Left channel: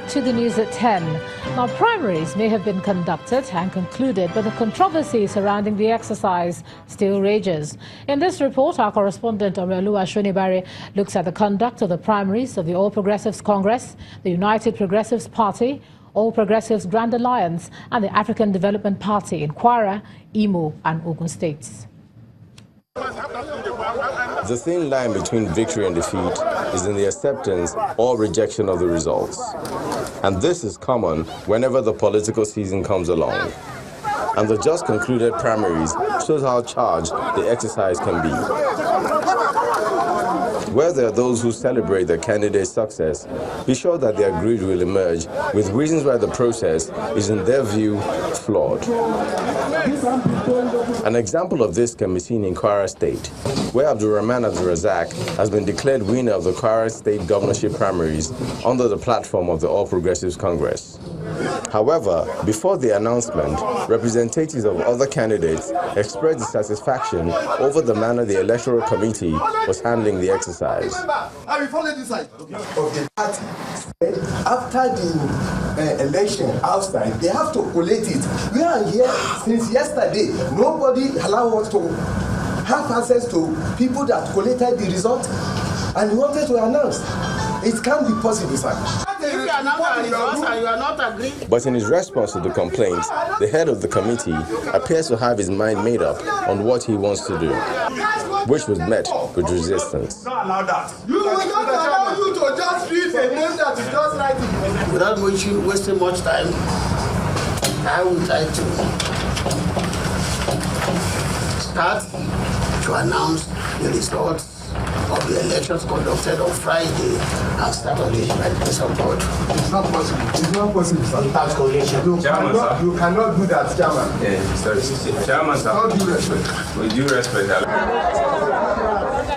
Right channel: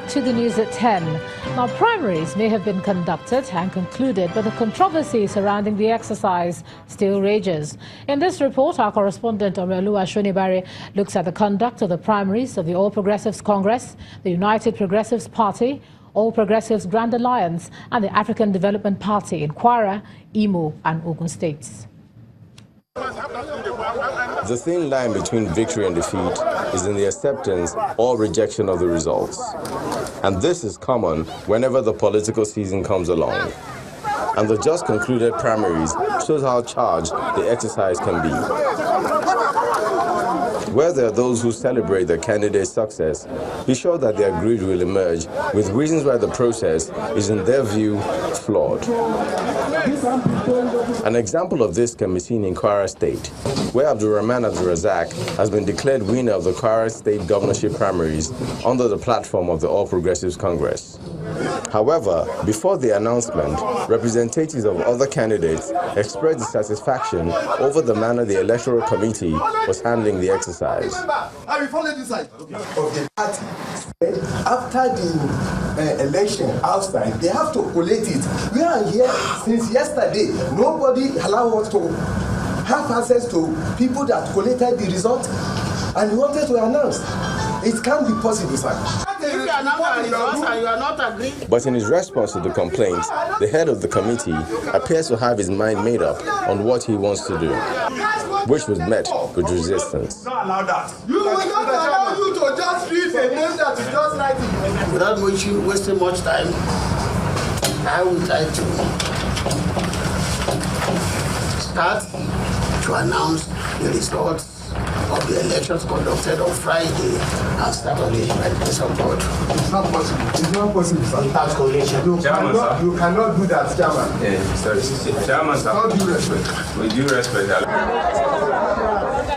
back to the news at 10. Now, primaries may have been conducted and concluded, but the controversy surrounding the exercise still rages. In this report, our correspondent Oluwa Shonibare looks at the conduct of the primaries of the All Progressives Congress, the United Progressives Party, All Progressives Grand Alliance, and the African Development Party in Kwara, Imo, and Ogun states. The thin line between victory and defeat is in the acceptance or rejection of the results. And this is common whenever the political season comes along. And the just concluded primaries shows how charged the exercise can be. Where there are those who celebrate their candidate's success, be sure that their greed will emerge with reasons why the process is, in their view, flawed. An example of this can be seen in Kwara State, where Abdulrahman Abdulrazak has been declared winner of the Kwara State governorship primaries under the platform of the All Progressives Congress. However, before the announcement, representatives of other candidates expressed dissatisfaction over the manner the Electoral Committee was handling the exercise. After the election outside, they have to collate it. We are here since yesterday. Nobody allowed us to have access to people that collated the result and wanted to announce. It can't be possible, sir. But in his response to the complaints, the head of the committee appears to have his mind made up on what he wants to do, which was met with resistance. Without wasting much time, I would like to start to announce the results of the elections conducted on Friday and Saturday by the grace of God. It's not possible. It's not possible, sir. You cannot do that, Chairman. Chairman, sir. All due respect. With due respect.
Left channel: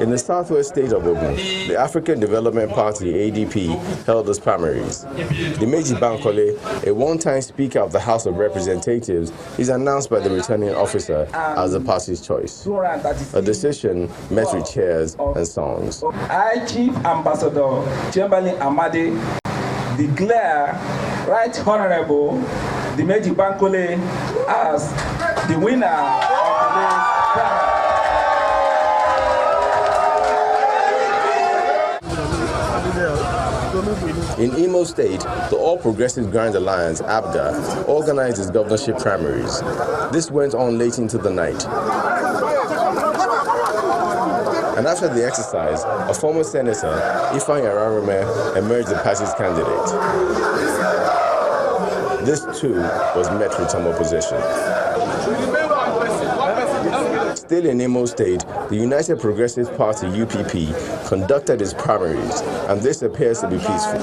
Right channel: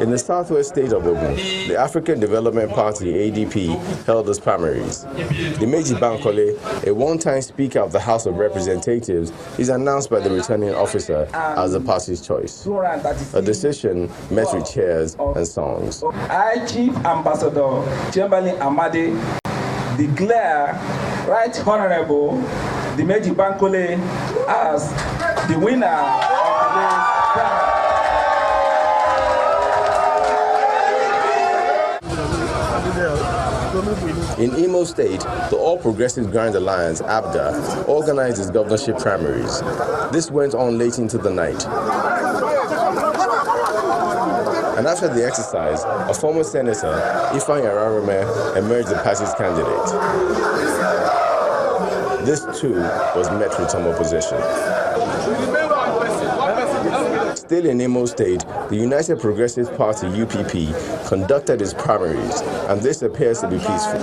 In the southwest state of Ogun, the African Development Party, ADP, held its primaries. Dimeji Bankole, a one-time Speaker of the House of Representatives, is announced by the returning officer as the party's choice. A decision met with cheers and songs. I, Chief Ambassador Chamberlain Amade, declare Right Honorable Dimeji Bankole as the winner of today's primary. In Imo State, the All Progressives Grand Alliance, ABGA, organized its governorship primaries. This went on late into the night. And after the exercise, a former senator, Ifeanyi Ararume, emerged the party's candidate. This, too, was met with some opposition. Still in Imo State, the United Progressive Party, UPP, conducted its primaries, and this appears to be peaceful.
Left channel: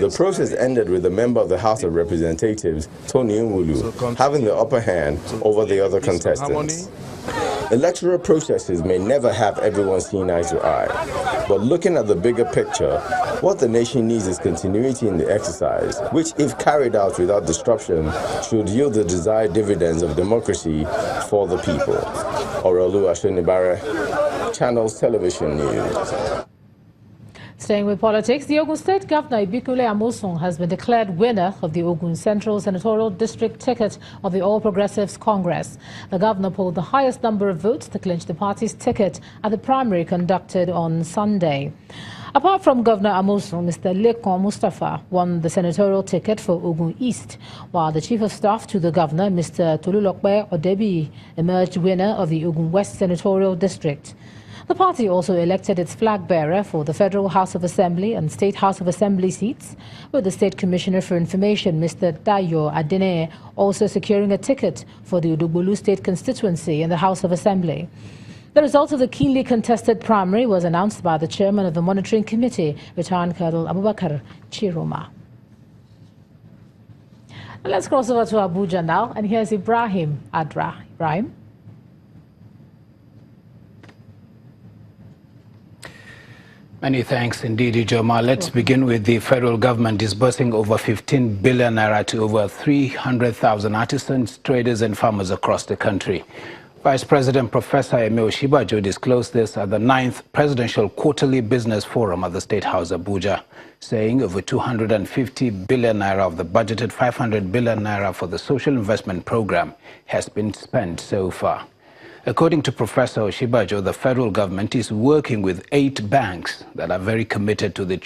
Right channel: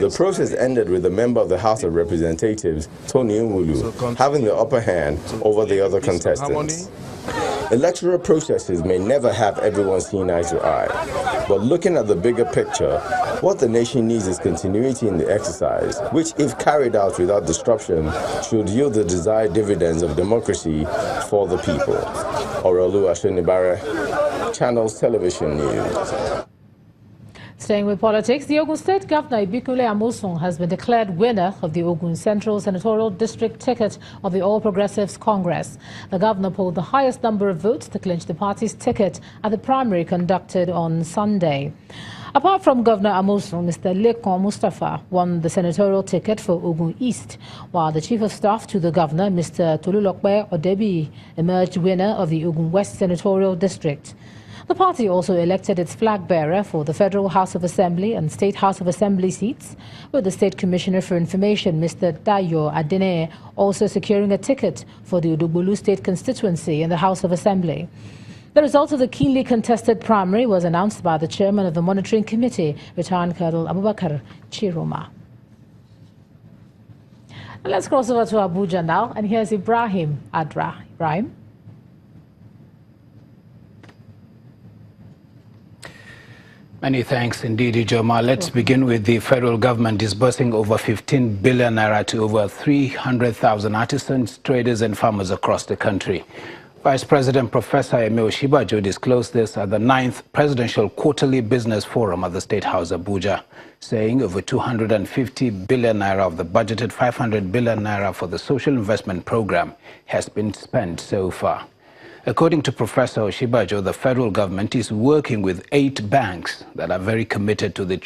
The process ended with a member of the House of Representatives, Tony Nwulu, having the upper hand over the other contestants. Electoral processes may never have everyone seen eye to eye, but looking at the bigger picture, what the nation needs is continuity in the exercise, which, if carried out without disruption, should yield the desired dividends of democracy for the people. Oluwa Shonibare, Channels Television News. Staying with politics, the Ogun State Governor Ibikule Amosun has been declared winner of the Ogun Central Senatorial District ticket of the All Progressives Congress. The governor polled the highest number of votes to clinch the party's ticket at the primary conducted on Sunday. Apart from Governor Amosun, Mr. Lekon Mustafa won the senatorial ticket for Ogun East, while the Chief of Staff to the Governor, Mr. Tolulokpe Odebi, emerged winner of the Ogun West Senatorial District. The party also elected its flag bearer for the Federal House of Assembly and State House of Assembly seats, with the State Commissioner for Information, Mr. Dayo Adene, also securing a ticket for the Udubulu State constituency in the House of Assembly. The result of the keenly contested primary was announced by the chairman of the Monitoring Committee, Retired Colonel Abubakar Chiroma. Let's cross over to Abuja now, and here's Ibrahim Adra. Ibrahim? Many thanks indeed, Ijoma. Let's begin with the federal government disbursing over 15 billion naira to over 300,000 artisans, traders and farmers across the country. Vice President Professor Eme Oshibajo disclosed this at the 9th Presidential Quarterly Business Forum at the State House, Abuja, saying over 250 billion naira of the budgeted 500 billion naira for the social investment program has been spent so far. According to Professor Oshibajo, the federal government is working with 8 banks that are very committed to the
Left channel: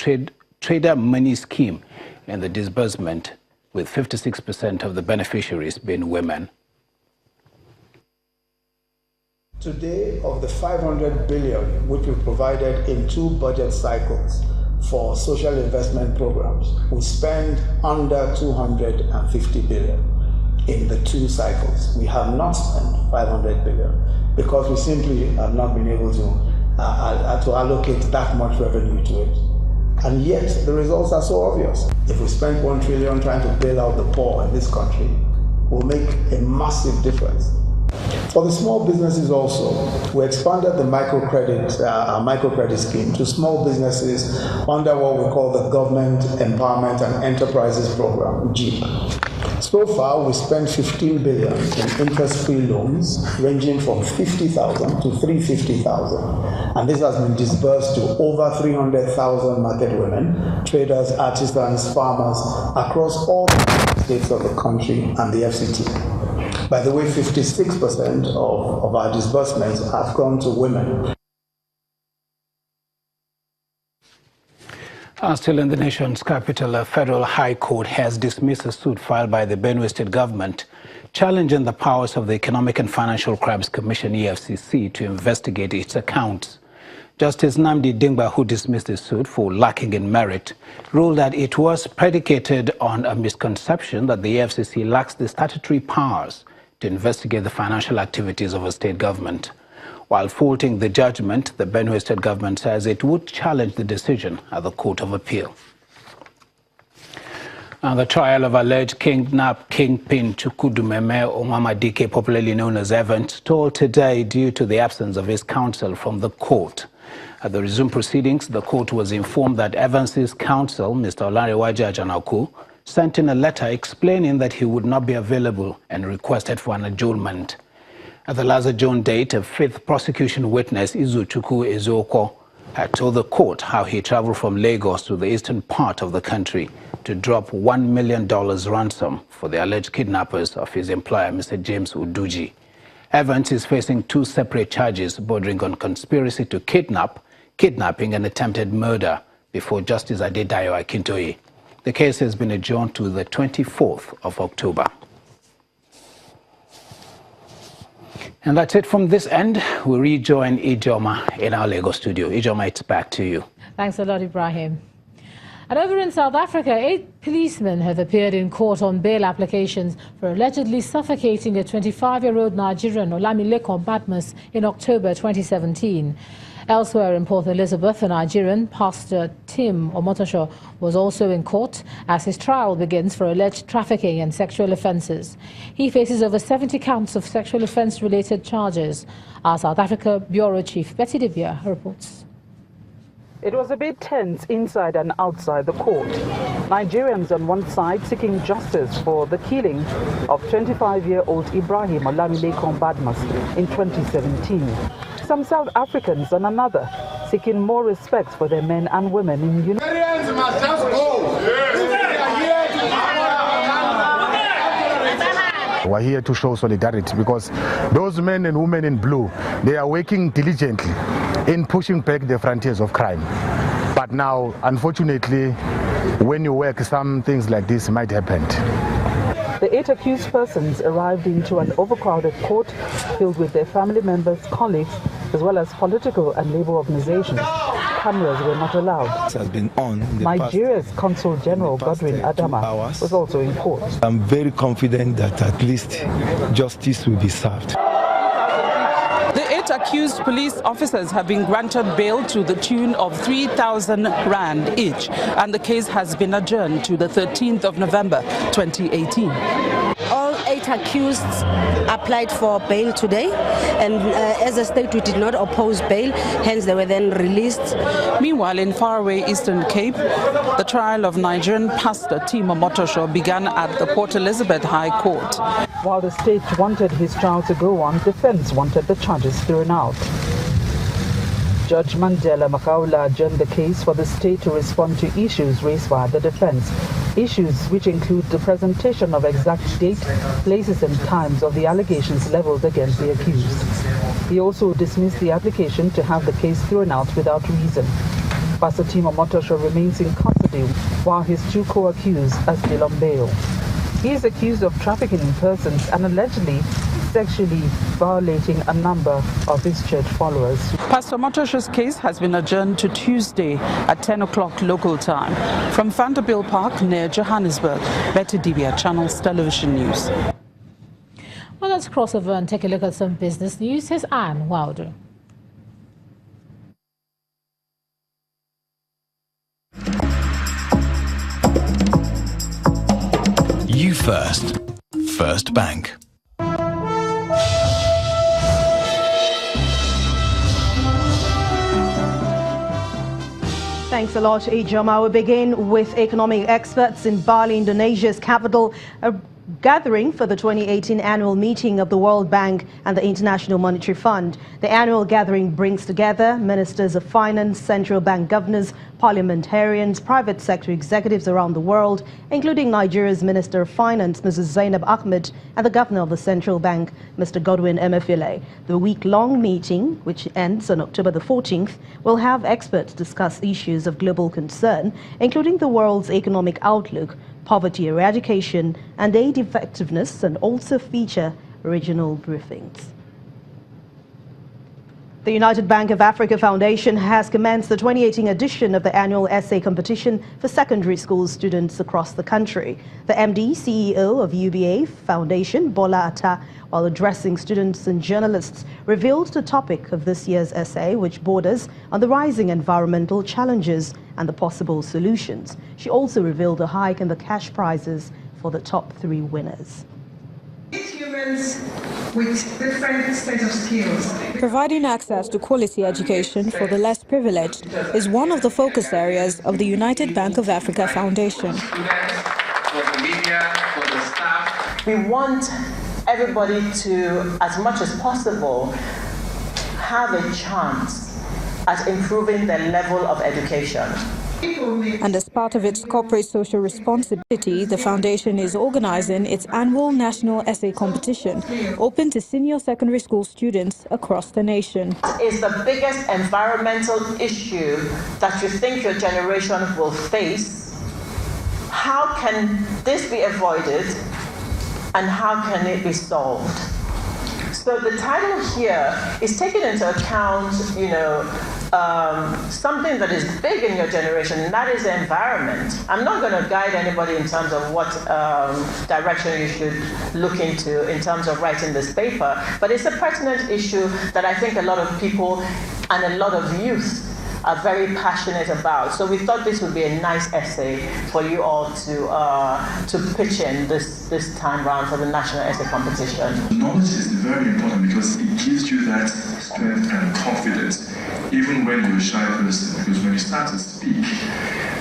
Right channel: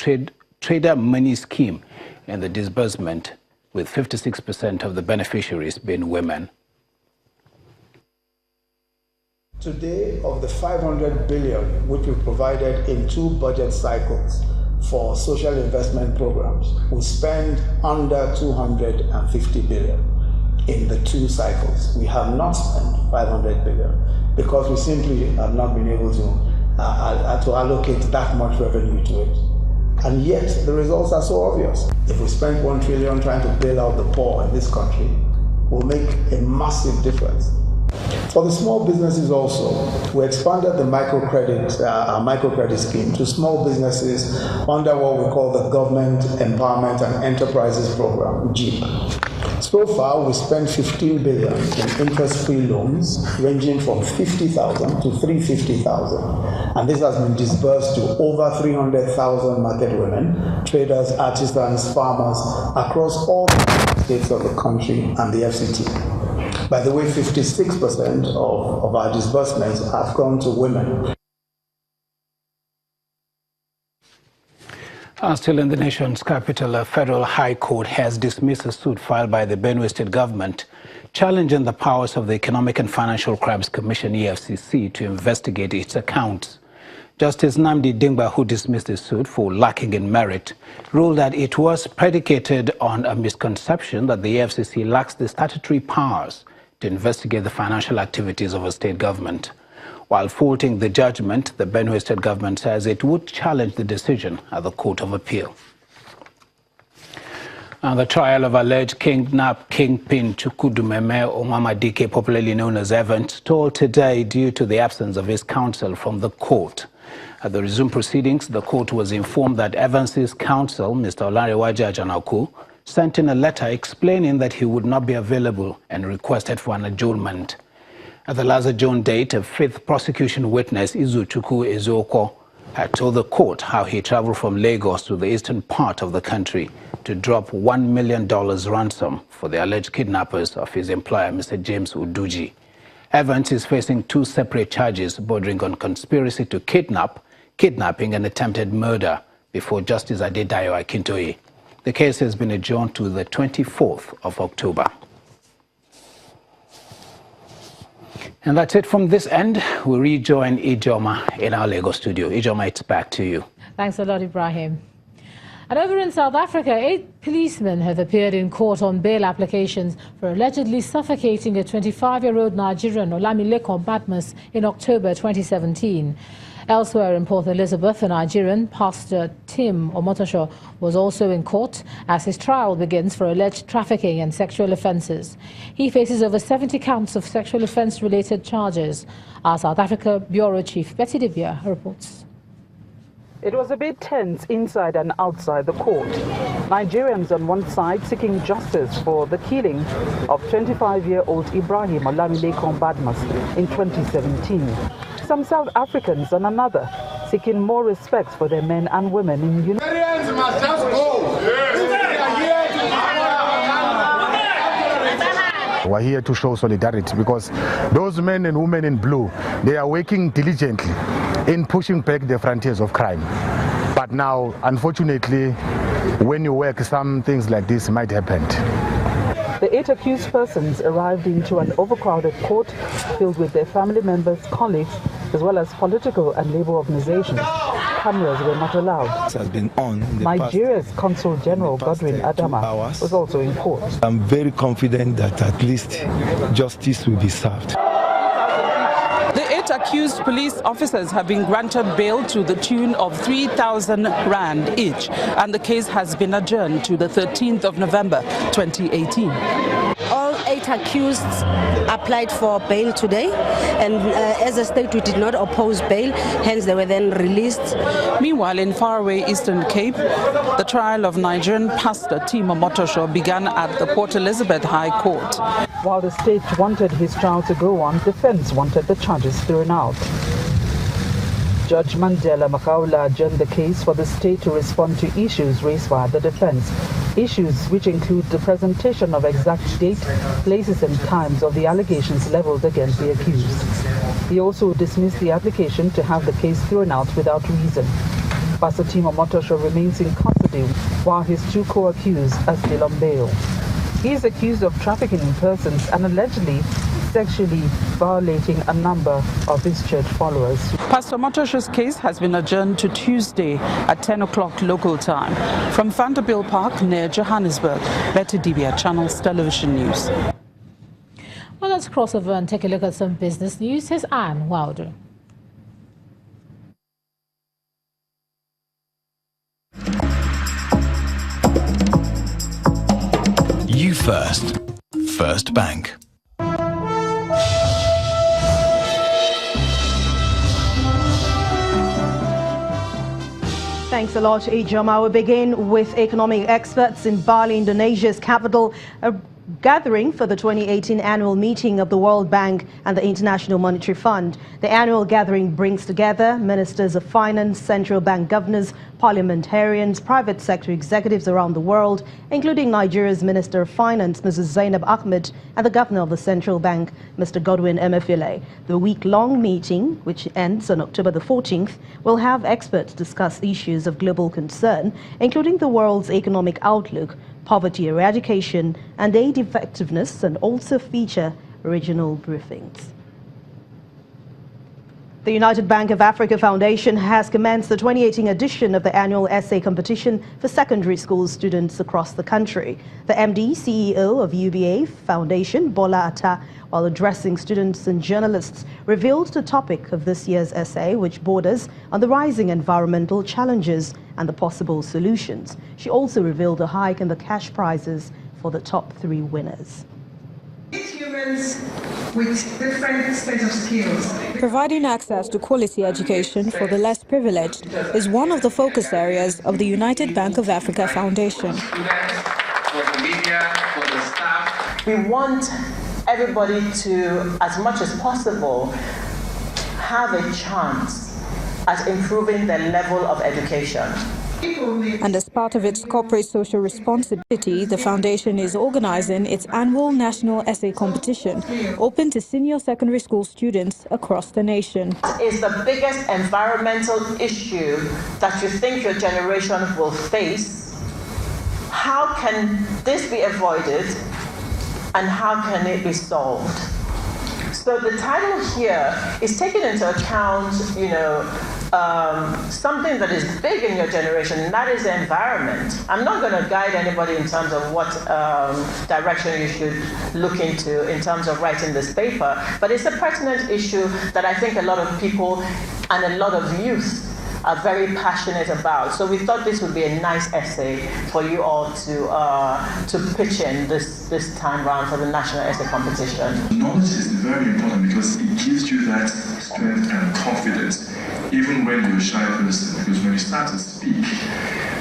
trader money scheme and the disbursement, with 56% of the beneficiaries being women. Today, of the 500 billion which we provided in 2 budget cycles for social investment programs, we spend under 250 billion in the 2 cycles. We have not spent 500 billion because we simply have not been able to allocate that much revenue to it. And yet, the results are so obvious. If we spend 1 trillion trying to bail out the poor in this country, will make a massive difference. For the small businesses also, we expanded the microcredit scheme to small businesses under what we call the Government Empowerment and Enterprises Program, GEP. So far, we spent 15 billion in interest-free loans ranging from 50,000 to 350,000. And this has been disbursed to over 300,000 market women, traders, artisans, farmers across all the states of the country and the FCT. By the way, 56% of our disbursements have gone to women. Still in the nation's capital, a federal high court has dismissed a suit filed by the Benue State government challenging the powers of the Economic and Financial Crimes Commission, EFCC, to investigate its accounts. Justice Nnamdi Dingba, who dismissed the suit for lacking in merit, ruled that it was predicated on a misconception that the EFCC lacks the statutory powers to investigate the financial activities of a state government. While faulting the judgment, the Benue State government says it would challenge the decision at the Court of Appeal. And the trial of alleged kingpin Chukudumeme Omama Dike, popularly known as Evans, stalled today due to the absence of his counsel from the court. At the resumed proceedings, the court was informed that Evans's counsel, Mr. Olarewaja Ajanaku, sent in a letter explaining that he would not be available and requested for an adjournment. At the last adjourned date, a 5th prosecution witness, Izuchukwu Ezeokwo, had told the court how he traveled from Lagos to the eastern part of the country to drop $1 million ransom for the alleged kidnappers of his employer, Mr. James Uduji. Evans is facing 2 separate charges bordering on conspiracy to kidnapping and attempted murder before Justice Adedayo Akintoye. The case has been adjourned to the 24th of October. And that's it from this end. We'll rejoin Ijoma in our Lagos studio. Ijoma, it's back to you. Thanks a lot, Ibrahim. And over in South Africa, 8 policemen have appeared in court on bail applications for allegedly suffocating a 25-year-old Nigerian, Olamileko Badmus, in October 2017. Elsewhere in Port Elizabeth, a Nigerian, Pastor Tim Omotosho, was also in court as his trial begins for alleged trafficking and sexual offences. He faces over 70 counts of sexual offence-related charges. Our South Africa Bureau Chief Pt.3 reports. It was a bit tense inside and outside the court. Nigerians on one side seeking justice for the killing of 25-year-old Ibrahim Olamileko Badmus in 2017. Some South Africans on another seeking more respect for their men and women in unity. We're here to show solidarity because those men and women in blue, they are working diligently in pushing back the frontiers of crime. But now, unfortunately, when you work, some things like this might happen. The 8 accused persons arrived into an overcrowded court filled with their family members, colleagues, as well as political and labor organizations. Cameras were not allowed. Has been on Nigeria's Consul General Godwin Adama was also in court. I'm very confident that at least justice will be served. The 8 accused police officers have been granted bail to the tune of 3,000 rand each, and the case has been adjourned to the 13th of November 2018. All 8 accused applied for bail today, and as a state we did not oppose bail, hence they were then released. Meanwhile, in faraway Eastern Cape, the trial of Nigerian pastor Tim Omotosho began at the Port Elizabeth High Court. While the state wanted his trial to go on, defense wanted the charges thrown out. Judge Mandela Makaula adjourned the case for the state to respond to issues raised by the defense. Issues which include the presentation of exact date, places and times of the allegations leveled against the accused. He also dismissed the application to have the case thrown out without reason. Pastor Timo Motosho remains in custody while his two co-accused are still on bail. He is accused of trafficking in persons and allegedly sexually violating a number of his church followers. Pastor Motosho's case has been adjourned to Tuesday at 10 o'clock local time. From Vanderbilt Park near Johannesburg, Betty Dibia, Channels Television News. Well, let's cross over and take a look at some business news. Here's Anne Wilder. You first. First Bank. Thanks a lot, Ijoma. We begin with economic experts in Bali, Indonesia's capital, a gathering for the 2018 annual meeting of the World Bank and the International Monetary Fund. The annual gathering brings together ministers of finance, central bank governors, parliamentarians, private sector executives around the world, including Nigeria's Minister of Finance, Mrs. Zainab Ahmed, and the Governor of the Central Bank, Mr. Godwin Emefiele. The week-long meeting, which ends on October the 14th, will have experts discuss issues of global concern, including the world's economic outlook, poverty eradication, and aid effectiveness, and also feature regional briefings. The United Bank of Africa Foundation has commenced the 2018 edition of the annual essay competition for secondary school students across the country. The MD, CEO of UBA Foundation, Bola Atta, while addressing students and journalists, revealed the topic of this year's essay, which borders on the rising environmental challenges and the possible solutions. She also revealed a hike in the cash prizes for the top 3 winners. Humans with different set of skills. Providing access to quality education for the less privileged is one of the focus areas of the United Bank of Africa Foundation. We want everybody to, as much as possible, have a chance at improving their level of education. And as part of its corporate social responsibility, the foundation is organizing its annual national essay competition, open to senior secondary school students across the nation. Is the biggest environmental issue that you think your generation will face? How can this be avoided, and how can it be solved? So the title here is taking into account, something that is big in your generation, and that is the environment. I'm not going to guide anybody in terms of what direction you should look into in terms of writing this paper, but it's a pertinent issue that I think a lot of people and a lot of youth are very passionate about. So we thought this would be a nice essay for you all to pitch in this time round for the National Essay Competition. Knowledge is very important because it gives you that strength and confidence, even when you're a shy person, because when you start to speak,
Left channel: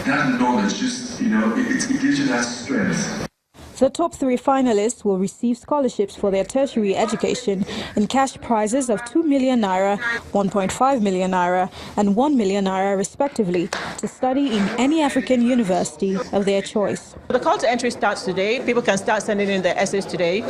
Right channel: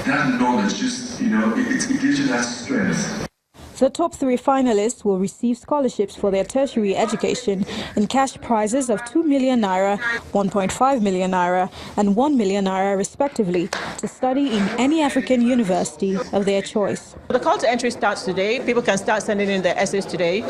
that knowledge just, it gives you that strength. The top 3 finalists will receive scholarships for their tertiary education and cash prizes of 2 million naira, 1.5 million naira, and 1 million naira respectively to study in any African university of their choice. The call to entry starts today. People can start sending in their essays today.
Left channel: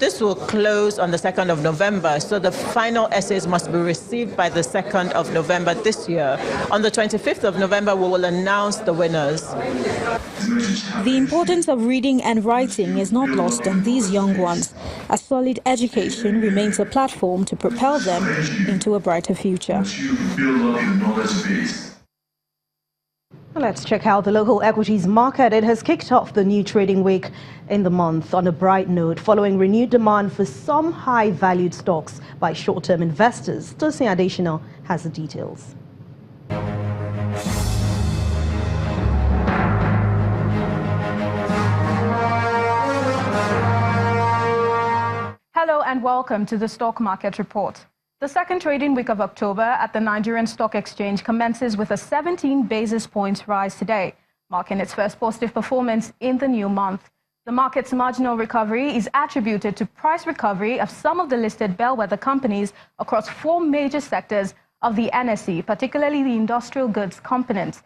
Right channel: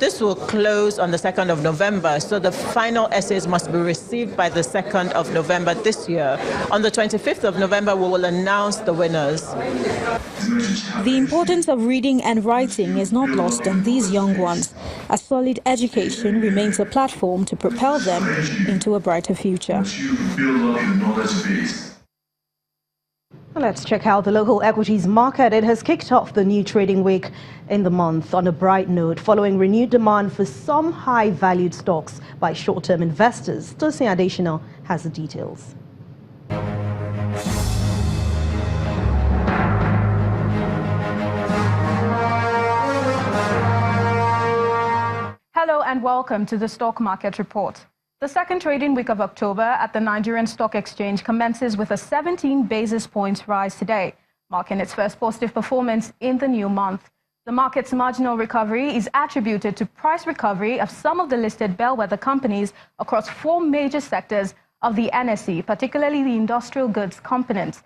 This will close on the 2nd of November, so the final essays must be received by the 2nd of November this year. On the 25th of November, we will announce the winners. The importance of reading and writing is not lost on these young ones. A solid education remains a platform to propel them into a brighter future. Let's check out the local equities market. It has kicked off the new trading week in the month on a bright note, following renewed demand for some high-valued stocks by short-term investors. Tosin Adeshina has the details. Hello and welcome to the Stock Market Report. The second trading week of October at the Nigerian Stock Exchange commences with a 17 basis points rise today, marking its first positive performance in the new month. The market's marginal recovery is attributed to price recovery of some of the listed bellwether companies across 4 major sectors of the NSE, particularly the industrial goods component.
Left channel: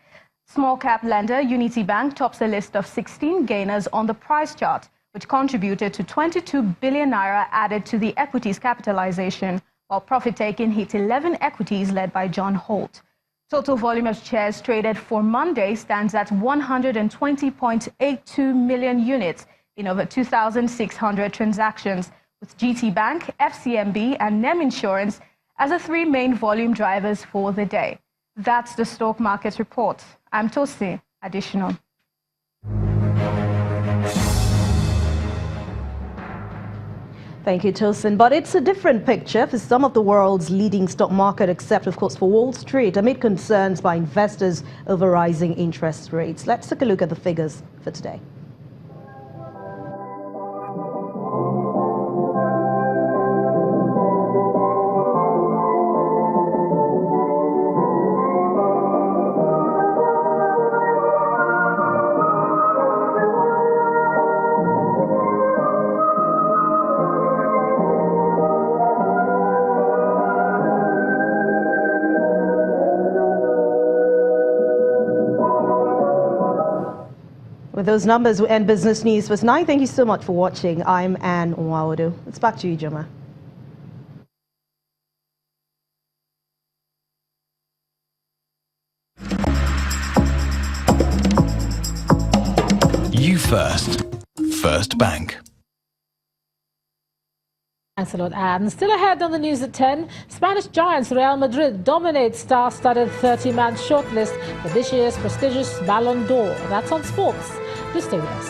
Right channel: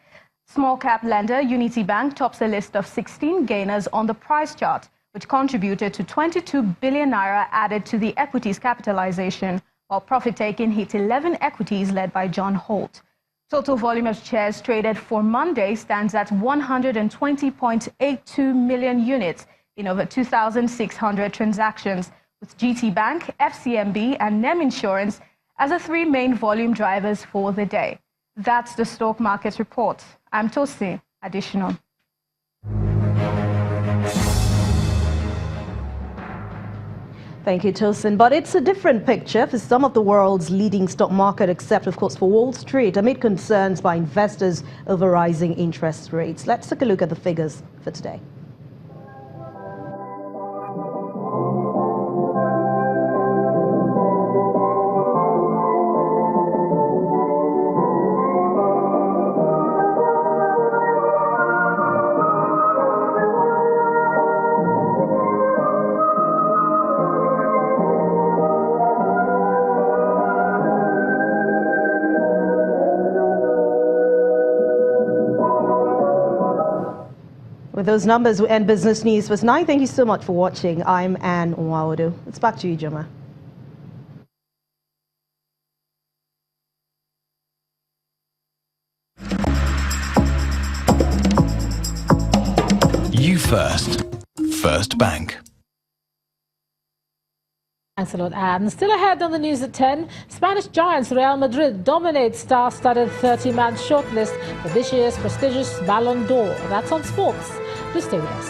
Small cap lender Unity Bank tops a list of 16 gainers on the price chart, which contributed to 22 billion naira added to the equities capitalization, while profit-taking hit 11 equities led by John Holt. Total volume of shares traded for Monday stands at 120.82 million units in over 2,600 transactions, with GT Bank, FCMB and NEM Insurance as the 3 main volume drivers for the day. That's the stock market report. I'm Tosi Additional. Thank you, Tosin. But it's a different picture for some of the world's leading stock market, except, of course, for Wall Street, amid concerns by investors over rising interest rates. Let's take a look at the figures for today. With those numbers, we end Business News for tonight. Thank you so much for watching. I'm Anne Nwaodo. It's back to you, Joma. You First. First Bank. Thanks a lot, Anne. Still ahead on the news at 10, Spanish giants Real Madrid dominates star-studded 30-man shortlist for this year's prestigious Ballon d'Or. That's on sports. Please stay with us.